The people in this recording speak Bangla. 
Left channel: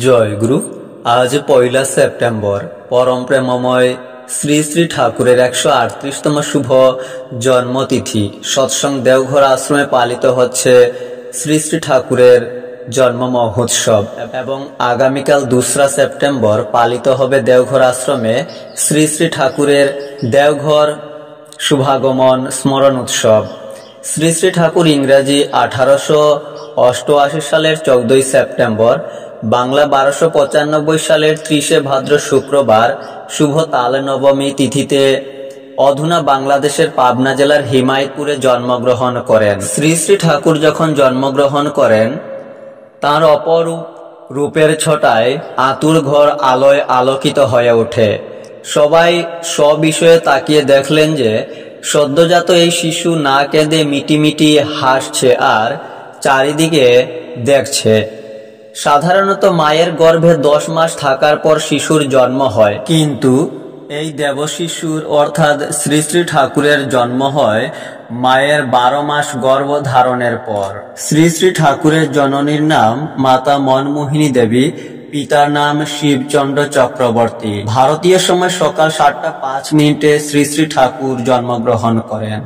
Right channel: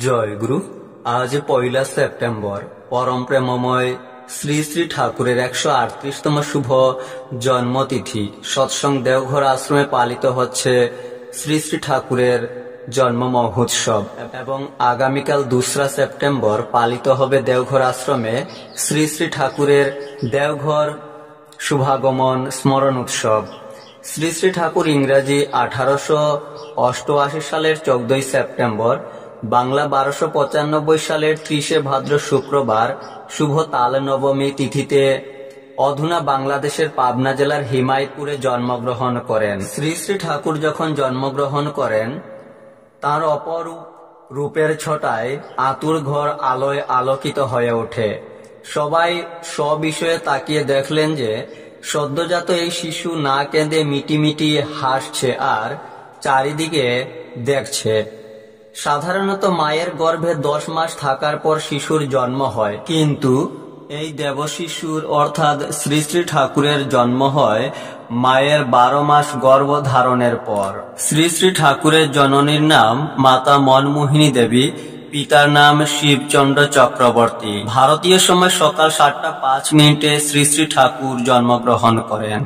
জয় গুরু। আজ 1 সেপ্টেম্বর পরম প্রেমময় শ্রী শ্রী ঠাকুরের 138তম শুভ জন্মতিথি। সৎসঙ্গ দেওঘর আশ্রমে পালিত হচ্ছে শ্রী শ্রী ঠাকুরের জন্ম মহোৎসব এবং আগামীকাল 2 সেপ্টেম্বর পালিত হবে দেওঘর আশ্রমে শ্রী শ্রী ঠাকুরের দেওঘর শুভাগমন স্মরণ উৎসব। শ্রী শ্রী ঠাকুর ইংরাজি 1888 সালের 14 সেপ্টেম্বর, বাংলা 1295 সালের 30 ভাদ্র শুক্রবার শুভ তাল নবমী তিথিতে অধুনা বাংলাদেশের পাবনা জেলার হিমায়তপুরে জন্মগ্রহণ করেন। শ্রী শ্রী ঠাকুর যখন জন্মগ্রহণ করেন, তাঁর অপরূপ রূপের ছটায় আতুর ঘর আলোয় আলোকিত হয়ে ওঠে। সবাই সবিষয়ে তাকিয়ে দেখলেন যে সদ্যজাত এই শিশু না কেঁদে মিটিমিটি হাসছে আর চারিদিকে দেখছে। সাধারণত মায়ের গর্ভে 10 মাস থাকার পর শিশুর জন্ম হয়, কিন্তু এই দেবশিশুর অর্থাৎ শ্রী শ্রী ঠাকুরের জন্ম হয় মায়ের 12 মাস গর্ভ ধারণের পর। শ্রী শ্রী ঠাকুরের জননীর নাম মাতা মনমোহিনী দেবী, পিতার নাম শিবচন্দ্র চক্রবর্তী। ভারতীয় সময় সকাল 7টা 5 মিনিটে শ্রী শ্রী ঠাকুর জন্মগ্রহণ করেন।